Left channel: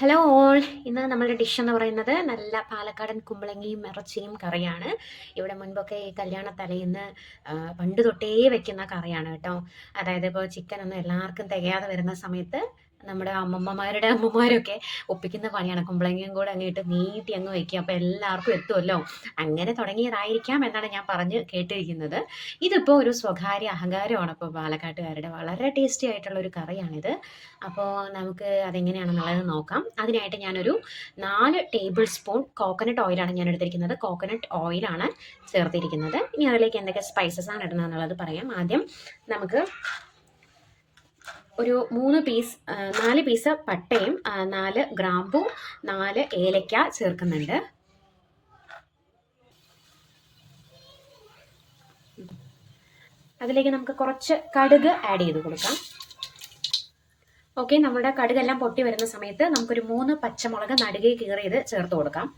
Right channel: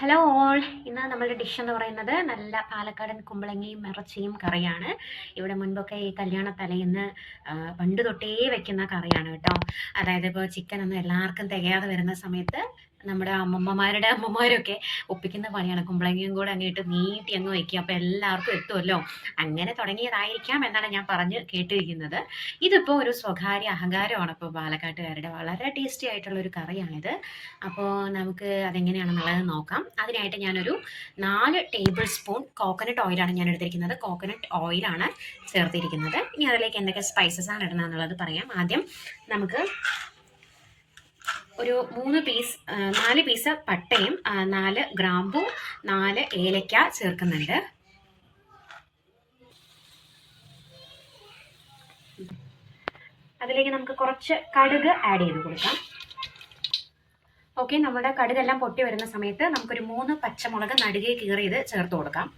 Hello all. ഇന്ന് നമ്മുടെ dish എന്ന് പറയുന്നത് നല്ല പാലക്കാടൻ കുമ്പളങ്ങിയും ഇറച്ചിയും കറിയാണ്. ഇവിടെ മുൻപൊക്കെ ഈ കല്യാണ തലേന്ന് പണ്ട് തൊട്ടേ വെക്കുന്ന കറിയാണ് കേട്ടോ. അതായത് ഇപ്പോൾ ചിക്കനൊന്നും എല്ലാവർക്കും തികയാതെ വരുന്ന സമയത്ത് നമ്മുടെ അമ്മമ്മമാരുടെ അമ്മമാരൊക്കെ ഒപ്പിക്കുന്ന പണിയാണ്. കുമ്പളങ്ങിയും കൂടെ അങ്ങോട്ട് നീട്ടി അങ്ങ് വയ്ക്കുക, അപ്പോൾ എല്ലാവർക്കും എത്തുമല്ലോ. അങ്ങനെ തുടങ്ങിയതായിരിക്കാം എന്നാണ് ഞാൻ പറഞ്ഞ് കേട്ടിരിക്കുന്നത്. ഇതിപ്പോൾ ഒരു സ്വകാര്യ അഹങ്കാരമാണ് ഇപ്പോൾ പാലക്കാട്ടുകാരുടെ. വളരെ ടേസ്റ്റി ആയിട്ടുള്ള ഒരു കറിയാണിത്. അപ്പോൾ നമുക്ക് അതെങ്ങനെയാണെന്നുള്ളത് നോക്കാം. അതിനായിട്ട് ഞാനൊരു 4 ടേബിൾ സ്പൂൺ കോക്കനട്ട് ഓയിലാണ് ഞാൻ എടുത്തിരിക്കുന്നത്. കോക്കനട്ട് ഓയിലാണ് ചേർത്തിരിക്കുന്നത്. ഇനി അതിലേക്ക് എന്തൊക്കെ സ്പൈസസ് ആണ് ഇടുന്നത് എന്നുള്ളത് പറയാം. ആദ്യം നമുക്ക് ഒരു 4 പീസ് പട്ടയും 4 ഗ്രാമ്പു 4 ഏലക്ക ചേർക്കുന്നുണ്ട്. അതിലേക്ക് നമുക്ക് കുറച്ച് കടുക് ആഡ് ചെയ്ത് കൊടുക്കാം. ഓക്കെ, നമ്മുടെ കടുകെല്ലാം പൊട്ടി വരുന്ന സമയത്ത് നമുക്കൊരു 3 പച്ചമുളക് നടുകെ കീറിയത് ചേർത്ത് കൊടുക്കാം.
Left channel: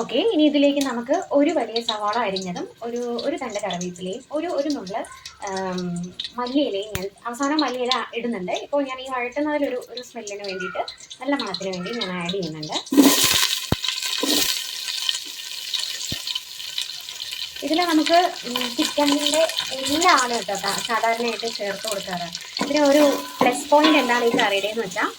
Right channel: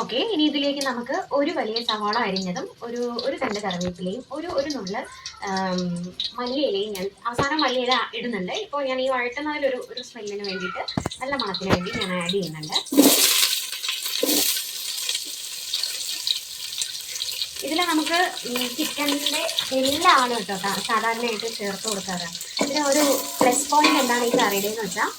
ഓക്കെ, ഇനി ഇതിലേക്ക് നമുക്ക് ഒരു വലിയ സവാള അരിഞ്ഞതും ഒരു തണ്ട് കറിവേപ്പിലയും ഒരു നുള്ള് മല്ലിയിലയും ഞാൻ അവസാനം മല്ലിയില ഇടുന്നുണ്ട്. ഇപ്പോൾ ഞാൻ ഈ വഴറ്റുന്നതിലൊരു സ്മെല്ലിന് വേണ്ടിയിട്ട്, നല്ല മണത്തിന് വേണ്ടി ഞാൻ ആഡ് ചെയ്യുന്നുണ്ട്. ഇതിൽ നമുക്ക് ചിക്കനിൻ്റെ എല്ലാ ആളും കേട്ടോ സാധാരണയായിട്ട് ചേർത്ത് കൊടുക്കാറ്. ഇതിന് ഒരു പ്ലസ് പോയിന്റ് എന്താണ് ഈ കറിയുടെ എന്ന് വെച്ചാൽ,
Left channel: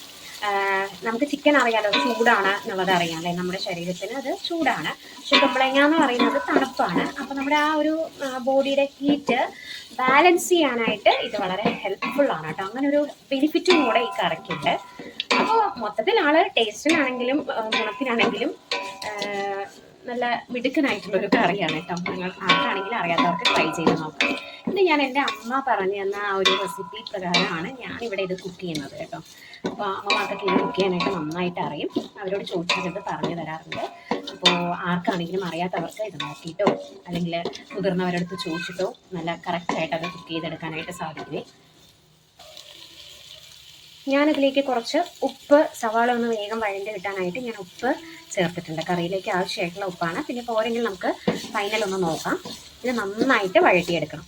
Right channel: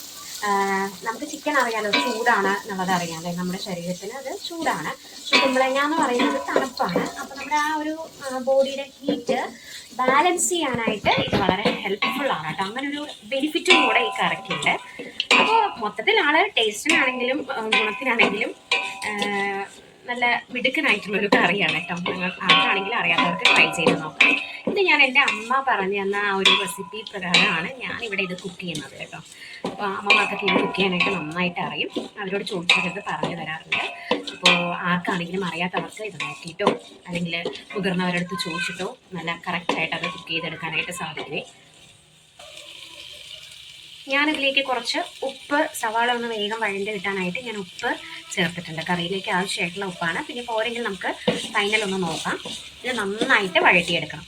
നമുക്ക് ചിക്കൻ അറിയാലോ ചൂടാണ് എന്നുള്ളത് അറിയാം അല്ലേ, നമ്മുടെ ശരീരത്തിന് അത് ചൂടാണ്. പക്ഷെ കുമ്പളങ്ങ എന്ന് പറയുന്നത് തണുപ്പാണ്. അപ്പോൾ നമ്മുടെ ആ ഒരു ബോഡിയുടെ ഹീറ്റ് ബാലൻസ് ചെയ്യാനായിട്ട് ഇത് വളരെ ഹെൽപ്ഫുൾ ആണ് കേട്ടോ. അങ്ങനെ ഒരു ബെനിഫിറ്റും കൂടെ ഈ കറിക്കുണ്ട്. അപ്പോൾ മൊത്തത്തിൽ ആള് ടേസ്റ്റിനാണെങ്കിലും ഗുണത്തിനാണെങ്കിലും നല്ല മിടുക്കനായിട്ടുള്ളൊരു കറിയാണ് കേട്ടോ. നിങ്ങൾക്ക് ആർക്കാണെങ്കിലും അറിയാത്തവർക്ക് ട്രൈ ചെയ്ത് നോക്കാം. ഇത് ഞാൻ എൻ്റെ അമ്മ പറഞ്ഞു തന്ന ആ ഒരു റെസിപ്പി പ്രകാരമാണ് ഞാനിവിടെ ഇത് കുക്ക് ചെയ്യുന്നത് കേട്ടോ. അപ്പോൾ അമ്മമാർക്കൊക്കെ ഇത് കുക്ക് ചെയ്യാനായിട്ട് നന്നായിട്ട് അറിയും. അവരോട് ചോദിച്ചാൽ ഇത് പറഞ്ഞു തരാറുണ്ട്. അപ്പോൾ ആർക്കാണെങ്കിലും അറിയാത്തവർക്ക് ഇത് നോക്കിയിട്ടോ അല്ലെങ്കിൽ മുതിർന്നവരടുത്ത് ചോദിച്ചിട്ടോ നല്ല കറക്റ്റായിട്ട് അത് കുക്ക് ചെയ്തെടുക്കാനായിട്ട് സാധിക്കുമേ. ഞാനതിലേക്ക് കുറച്ച് ഉപ്പ്, സവാള ഒന്ന് വേഗം വഴണ്ട് കിട്ടാനായിട്ട് ഞാൻ ഉപ്പ് ചേർത്തിട്ടുണ്ട്. കറിയിലേക്ക് ആവശ്യമായിട്ടുള്ള ഉപ്പാണ്. പിന്നെ പോരെങ്കിൽ നമുക്ക് ഫൈനൽ ഒന്ന് നോക്കാം. ഇത് നന്നായിട്ട് വഴറ്റിയെടുക്കണം.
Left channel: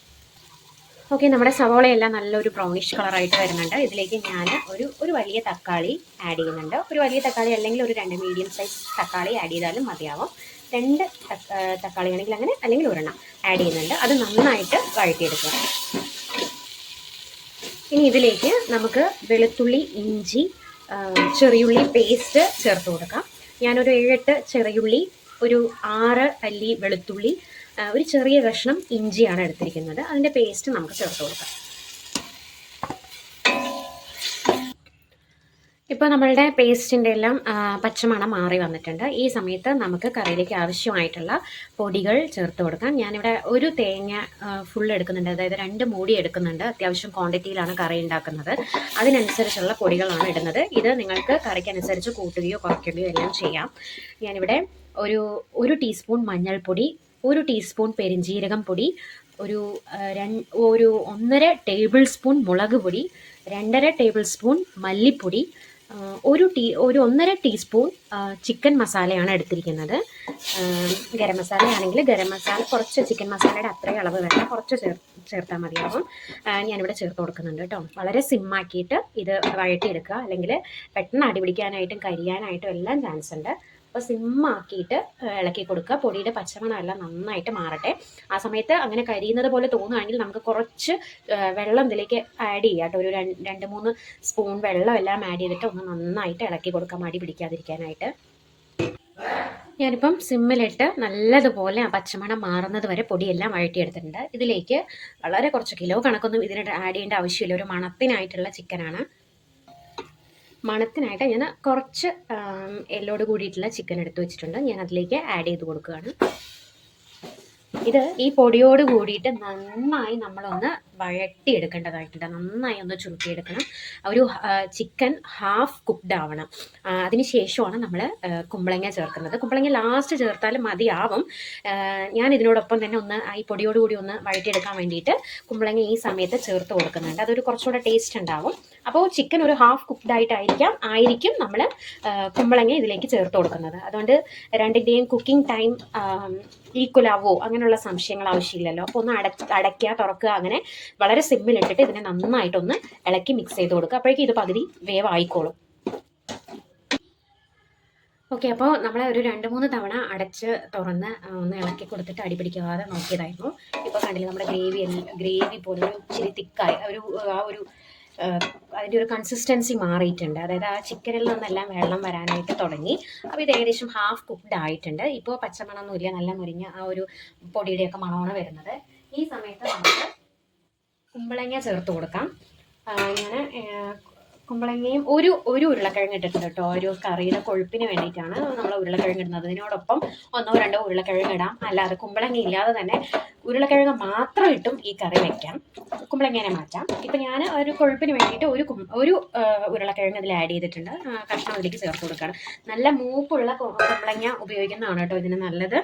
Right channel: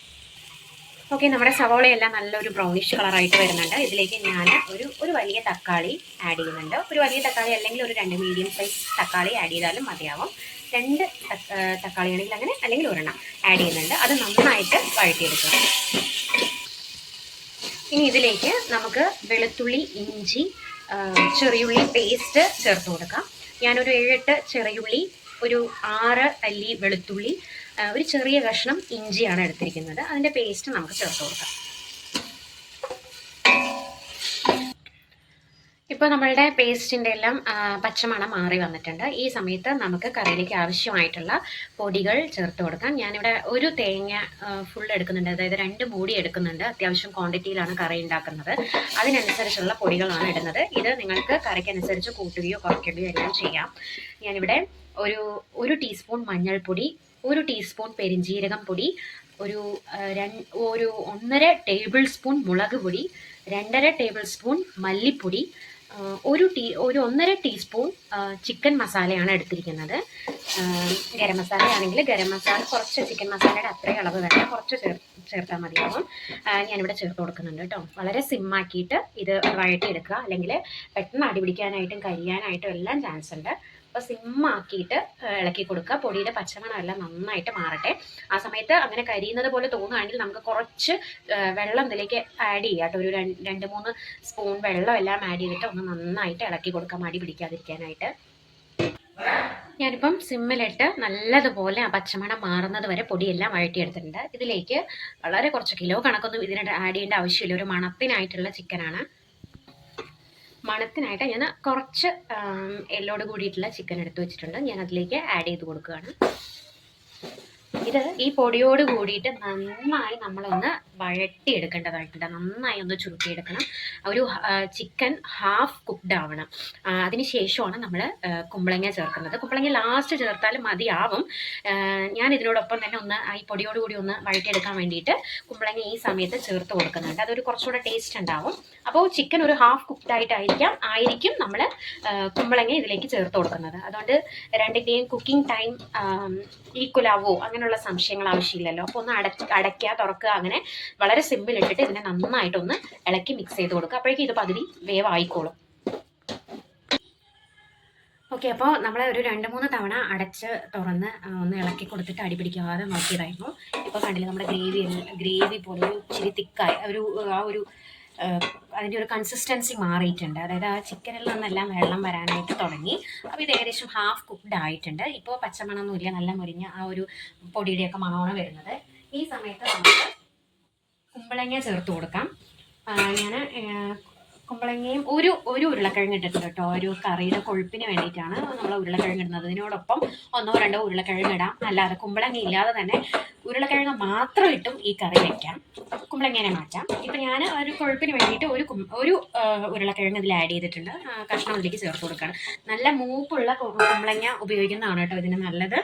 ഓക്കെ, നമ്മുടെ സവാളയെല്ലാം നല്ലൊരു ബ്രൗണിഷ് കളറായിട്ട് വരുന്നുണ്ട്. ഇതിലേക്ക് ഞാൻ ഒരു വലിയ തക്കാളി ആഡ് ചെയ്യുന്നുണ്ട്. ഒരു വലിയ തക്കാളി അല്ലെങ്കിൽ ഒരു 2 മീഡിയം സൈസ് തക്കാളി ആഡ് ചെയ്താലും മതിയാവും. 2 തക്കാളി ആണെങ്കിൽ അങ്ങനെ, അല്ലെങ്കിൽ ഒരെണ്ണം ആഡ് ചെയ്യുന്നുണ്ട്. അത് നന്നായിട്ട് വഴറ്റിയെടുക്കുക. ഇനി ഇതിലേക്ക് നമുക്ക് വെളുത്തുള്ളി, ഇഞ്ചി, ചെറിയുള്ളി പേസ്റ്റ് ചേർത്ത് കൊടുക്കാം. ഞാനൊരു 7-8 ചെറിയുള്ളി, ഒരു 6 അല്ലി വെളുത്തുള്ളി, ഒരു ചെറിയ കഷ്ണം ഇഞ്ചിയാണ് എടുത്തിരിക്കുന്നത്. അതിൻ്റെ പേസ്റ്റ് നമുക്ക് ചേർത്ത് കൊടുക്കാം. ഇപ്പോൾ നമ്മളുടെ പേസ്റ്റിൻ്റെ എല്ലാം പച്ചമണം മാറി വന്നിട്ടുണ്ട്. ഈ സമയത്ത് നമുക്ക് കറിയിലേക്ക് ആവശ്യമായിട്ടുള്ള പൊടികൾ ചേർത്ത് കൊടുക്കാം. ഞാനിവിടെ ഒരു തേങ്ങ ഫുൾ എടുക്കുന്നുണ്ട്, അതായത് 2 മൂടി എടുക്കുന്നുണ്ട്. അത്യാവശ്യം ക്വാണ്ടിറ്റിയിലാണ് കറി ഉണ്ടാക്കുന്നത്. അതിനനുസരിച്ചുള്ള പൊടികളാണ് ഇടുന്നത്. ഇത് നിങ്ങൾക്ക് കറിക്കനുസരിച്ച് കൂട്ടുകയോ കുറയ്ക്കുകയോ എല്ലാം ചെയ്യാം. ഞാനിവിടെ ഒരു ടീസ്പൂൺ മഞ്ഞൾപ്പൊടി, 1 ടീസ്പൂൺ പെരിഞ്ജീരകം പൊടി, ഒരു 1.5 ടേബിൾ സ്പൂൺ മുളക് പൊടി, 2.5 ടേബിൾ സ്പൂൺ മല്ലിപ്പൊടി, ഒരു 1.5 ടീസ്പൂൺ ചിക്കൻ മസാലയാണ് എടുത്തിരിക്കുന്നത്. ഗരം മസാല ആണെങ്കിൽ ഗരം മസാല കുറച്ച്, ചിക്കൻ മസാലയുടെ അത്രയും അളവ് തന്നെ കുറച്ച് ചേർത്താൽ മതിയാകും. ഞാനിവിടെ ചേർത്ത് കൊടുക്കുന്നുണ്ട് കേട്ടോ. വളരെ സിമ്മാക്കിയിട്ട് ഇത് വഴറ്റിയെടുക്കുക, അല്ലെങ്കിൽ പെട്ടെന്ന് അടിപിടിക്കാനായിട്ടും കരിയാനായിട്ടും എല്ലാം ചാൻസ് ഉണ്ട്. അപ്പോൾ സിമ്മാക്കിയിട്ട് ഇളക്കി കൊടുക്കുക. പൊടിയുടെ പച്ചമണം എല്ലാം നന്നായിട്ട് മാറട്ടെ. ആ സമയത്ത് അങ്ങനെ കരിയുന്നത് പോലെ തോന്നുകയാണെങ്കിൽ നമുക്ക് കുറച്ച് വെള്ളം ഇതിലേക്ക് ആഡ് ചെയ്യാം കേട്ടോ. ഒരു 2-3 സ്പൂൺ വെള്ളം എല്ലാം ആഡ് ചെയ്തിട്ട് ഒന്ന് നന്നായിട്ട് ഇളക്കി കൊടുക്കാം, അടി പിടിക്കാതിരിക്കാനായിട്ട്. ഞാനിപ്പം സിമ്മിലിട്ട് നല്ലതുപോലെ ആ പച്ചമണം മാറുന്നത് വരെ പൊടിയെല്ലാം വഴറ്റിയെടുത്തിട്ടുണ്ട്. ഇതിലേക്ക് വളരെ കുറച്ച് കിലോ കണക്കൊന്നും ഇതിന് ആഡ് ചെയ്യേണ്ട ആവശ്യമില്ല. ഒരു മണത്തിനായിട്ടുള്ള ചിക്കനാണ്. മണത്തിനായിട്ട് ഞാൻ കുറച്ച് എല്ലോട് കൂടിയിട്ടുള്ള ചിക്കൻ എടുത്ത് വെച്ചിട്ടുണ്ട്. ഞാൻ അതിലേക്ക് ആഡ് ചെയ്ത് കൊടുക്കുകയാണ്. ഇത് ഈ പൊടിയോട് കൂടിയിട്ട് നന്നായി നമ്മളൊന്ന് വഴറ്റിയെടുക്കേണ്ടതായിട്ടുണ്ട്. നന്നായി ഒന്ന് ചുരുട്ടിയെടുക്കണം. ഒരു ചിക്കൻ ഹാഫ് കുക്ക്ഡ് ആവണം. അതിന് ശേഷമാണ് നമ്മൾ കുമ്പളങ്ങ ചേർക്കുന്നത്. കുമ്പളങ്ങ ലാസ്റ്റ് ചേർത്താലും മതിയാവും. ഞാൻ ഇതിനോടൊപ്പം തന്നെ ഒന്ന് ഈ പൊടിയോട് കൂടി ഒന്ന് വഴറ്റിയെടുക്കാൻ വേണ്ടിയിട്ട് കുമ്പളങ്ങ ഈ സമയത്ത് ചേർത്ത് കൊടുക്കുന്നുണ്ട്. അതൊരു കുറച്ചുകൂടെ ടേസ്റ്റ് ഉണ്ടാവും. അപ്പോൾ ചിക്കൻ ഒരു ഹാഫ് കുക്ക്ഡ് ആയിരിക്കും നമ്മൾ കുമ്പളങ്ങ ഇതിലേക്ക് ചേർത്ത് കൊടുക്കുന്നത്. അതുകൊണ്ട് രണ്ടിൻ്റെയും കുക്കിംഗ് ടൈം ഈക്വൽ ആവോ അങ്ങനെയുള്ള സംശയങ്ങൾ ആവശ്യമില്ലല്ലോ. അപ്പോൾ ഒന്ന് അടയ്ക്കുക, തുറക്കുക, അങ്ങനെ വളരെ സിമ്പിളിട്ടിട്ട് ഇതിനെ നന്നായിട്ടൊന്ന് ഇളക്കി മിക്സ് ചെയ്ത് കൊടുക്കുക. അപ്പോഴേക്കും ഇത് പകുതി വേവായിക്കോളും. ഓക്കെ. അപ്പോൾ നമ്മൾ ഒരു 2, 3 തവണ അടച്ച് തുറന്ന് ഒന്ന് ഇളക്കി കൊടുത്തിട്ട് അടി പിടിക്കാതെ നോക്കിയതായിരുന്നു. ഇപ്പോൾ കണ്ടില്ലേ നമ്മുടെ ഗ്രേവി പോലെ ഇച്ചിരി തിക്കായി ആ ഒരു അതിൻ്റെ ഒരു കൺസിസ്റ്റൻസി മാറിയിട്ടുണ്ട്. അതായത് ആ ചിക്കനിൽ നിന്നെല്ലാം വെള്ളം വരാനായിട്ട് തുടങ്ങി. അപ്പോൾ ഇത് ഏകദേശം ഹാഫ് കുക്ക്ഡ് ആയിട്ടുണ്ട്. ഇപ്പോൾ പച്ചമണമൊന്നുമില്ല, നല്ല മുരിഞ്ഞ ആ ഒരു പൊടിയുടെയൊക്കെ മണമാണ് വരുന്നത്. ഈ സമയത്ത് നമുക്ക് കുമ്പളങ്ങ ചേർത്ത് കൊടുക്കാം. ഞാൻ കുമ്പളങ്ങയും ഒരു ഉരുളക്കിഴങ്ങ് ഇട്ടിട്ടുണ്ട് കേട്ടോ. ഒരു കറിയുടെ കൊഴുപ്പിന് വേണ്ടിയിട്ടാണ് നമ്മൾ ഉരുളക്കിഴങ്ങ് ഇടുന്നത്. ഇതിനോടൊപ്പം 1 2 ഉരുളക്കിഴങ്ങ് ഇടാം. അല്ലാതെ കുമ്പളങ്ങ ഇല്ലാതെ തന്നെ ഉരുളക്കിഴങ്ങ് മാത്രം ഇട്ടും ഈ കറി വയ്ക്കാം. കുമ്പളങ്ങനെ മാറ്റാം. ഇപ്പം ഞാൻ ഒരു കൊഴുപ്പിന് വേണ്ടിയിട്ട് ഒരു ഉരുളക്കിഴങ്ങ് ഇതിൽ ആഡ് ചെയ്തിട്ടുണ്ട്. കഷ്ണം അതിലേക്ക് ചേർത്ത് കൊടുക്കുകയാണ്. നല്ല മൂപ്പുള്ള കുമ്പളങ്ങ ഉപയോഗിക്കുന്നതാണ് കേട്ടോ ഇതിന് നല്ലത്.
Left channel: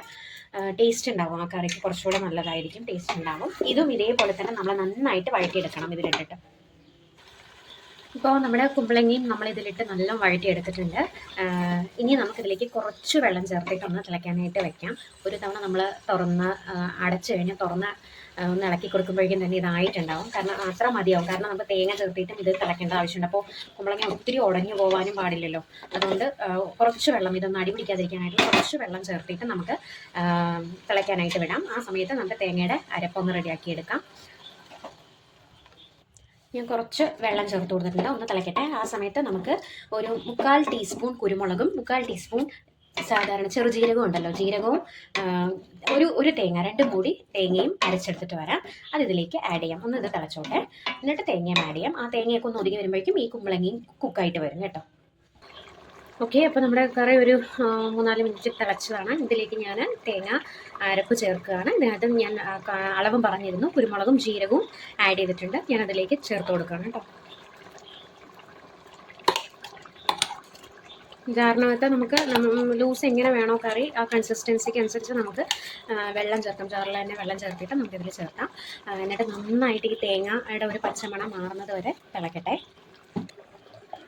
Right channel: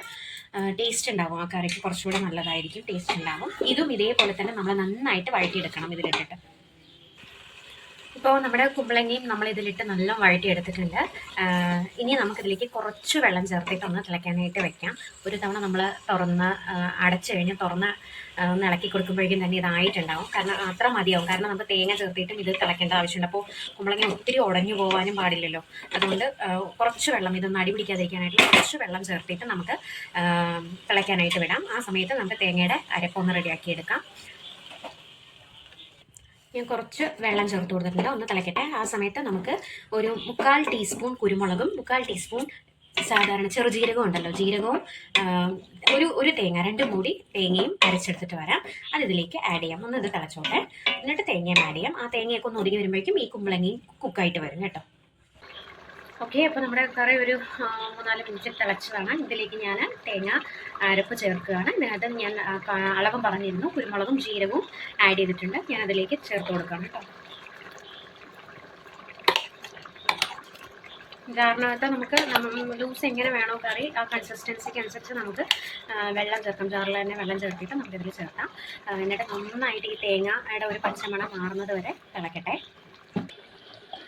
ടേസ്റ്റ് ഉണ്ടാവും, ആ കറിക്ക് കുറച്ചുകൂടെ നല്ലതായിരിക്കും, ടേസ്റ്റ് ഉണ്ടാവും. ഇതും ഇതേപോലെ തന്നെ നമ്മൾ നന്നായിട്ട് വഴറ്റിയെടുക്കണം ഇതിലിട്ടിട്ട്. ഇപ്പോൾ നമ്മുടെ കുമ്പളങ്ങയും നമ്മൾ ഇതിലിട്ട് നല്ല വഴറ്റിയെടുത്തിട്ടുണ്ട്. ഇനി നമുക്കിതിലേക്ക് കുറച്ച് വെള്ളം ചേർത്തിട്ട് ഒന്ന് തിളയ്ക്കാനായിട്ട് വെക്കാം. ഒരു തവണ നമ്മൾ അടച്ചു കഴിഞ്ഞ് ഒന്ന് ഇളക്കി കൊടുക്കുമ്പോഴേക്കും തന്നെ ഇതായിട്ടുണ്ടാവും. കാരണം അത്ര മതിയാവും. കാരണം നമുക്ക് തേങ്ങ ചേർത്തിട്ടും ഇത് തിളയ്ക്കേണ്ട ആവശ്യമുണ്ട്. അപ്പോൾ കുമ്പളങ്ങ ഒത്തിരി ഉടഞ്ഞു പോകാനും പാടില്ലല്ലോ. അതുകൊണ്ട് കുറച്ച് വെള്ളം, ഇതൊന്ന് അടി പിടിക്കാതിരിക്കാനായിട്ട് കുറച്ച് വെള്ളം ചേർത്തിട്ട് നമുക്ക് തിളയ്ക്കാനായിട്ട് വിടാം. ആ സമയത്ത് നമുക്ക് തേങ്ങയുടെ അരപ്പൊന്ന് റെഡിയാക്കിയെടുക്കാം. ഞാൻ കുറച്ച് വെള്ളം ചേർത്ത് കൊടുത്തിട്ടുണ്ട്, ഒന്ന് തിളയ്ക്കട്ടെ. ആ സമയത്ത് നമുക്ക് ഒരു 1/4 ടീസ്പൂൺ കുരുമുളകും 1/4 ടീസ്പൂൺ സാധാരണ ചെറുജീരകവും ഉണ്ടല്ലോ, ജീരകവും ഒരു തേങ്ങ, 2 മൂടി തേങ്ങയും അരച്ചെടുത്തിട്ട് വരാം. അത് ഇതിലേക്ക് ആഡ് ചെയ്യാം. ഒന്ന് ഇത് തിളച്ചോട്ടെ, എന്നിട്ട് തേങ്ങയും ആഡ് ചെയ്യാം. ആ തേങ്ങയൊക്കെ ഒന്ന് ഒതുങ്ങി വരുമ്പോഴേക്കും ഈ കുമ്പളങ്ങയും കുക്കായിട്ട് വരും കേട്ടോ. ഓക്കെ. അപ്പോൾ നമ്മുടെ കറി ഒരു 3-4 മിനിറ്റ് തിളച്ചതാണ്. ഇതിലേക്ക് ഞാൻ തേങ്ങ അരപ്പ് ചേർക്കുകയാണ്. ഇതിനകത്ത് ഞാൻ അളവും പറഞ്ഞിരുന്നു. കുരുമുളകും ജീരകവും ആഡ് ചെയ്തിട്ടുണ്ട്. ഞാൻ അതിലേക്ക് ചേർത്ത് കൊടുക്കുകയാണ് കേട്ടോ. ജാറിനകത്ത് നമുക്ക് ലൂസ് എങ്ങനെ വേണോ കറി, ആ കൺസിസ്റ്റൻസിക്ക് അനുസരിച്ച് നമുക്ക് വെള്ളം ചേർക്കാം. ജാറിൽ തന്നെ വെള്ളം ചേർത്തിട്ട് നമുക്കിതിൽ ചേർക്കാം. എന്നിട്ട് നന്നായിട്ട് ഈ തേങ്ങയുടെ ഒരു പച്ചമണം മാറുന്നത് വരെ തിളക്കട്ടെ.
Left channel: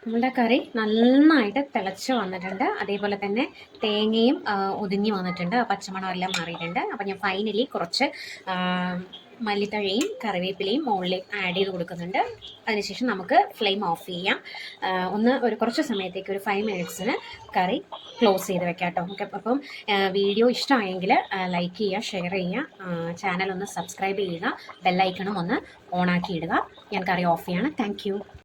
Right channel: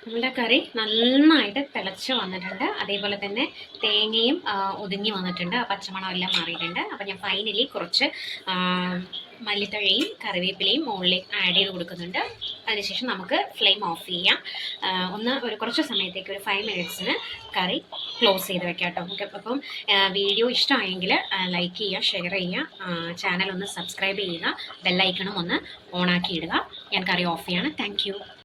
നമ്മുടെ കറി നന്നായിട്ട് തിളച്ച് വന്നിട്ടുണ്ട്. അതേപോലെ തന്നെ തേങ്ങയും ഒതുങ്ങി വന്നിട്ടുണ്ട്, പച്ചമണം എല്ലാം മാറിയിട്ടുണ്ട്. അപ്പോൾ ഞാൻ ഫൈനലി കുറച്ച് മല്ലിത്തഴയും കറിവേപ്പിലയും മുകളിൽ ആഡ് ചെയ്ത് കൊടുക്കുന്നുണ്ട്. അതിനുശേഷം നമുക്ക് ഫ്ലെയിം ഓഫ് ചെയ്യാം. കുറച്ച് സമയത്തേക്ക് ഒരു 5 മിനിറ്റ്സിന് കറി ക്ലോസ് ചെയ്ത് വെക്കാം കേട്ടോ. ഓക്കെ. അപ്പം വീഡിയോ ഇഷ്ടമായെങ്കിൽ ലൈക്ക് ചെയ്യുക, ഷെയർ ചെയ്യുക, ചാനൽ ഒന്ന് സബ്സ്ക്രൈബ് ചെയ്യുക, ബെല്ലൈക്കണും ഒന്ന് ഓണാക്കി ഇടുക. ഞാൻ കറി ഓഫ് ചെയ്യാണ്. താങ്ക്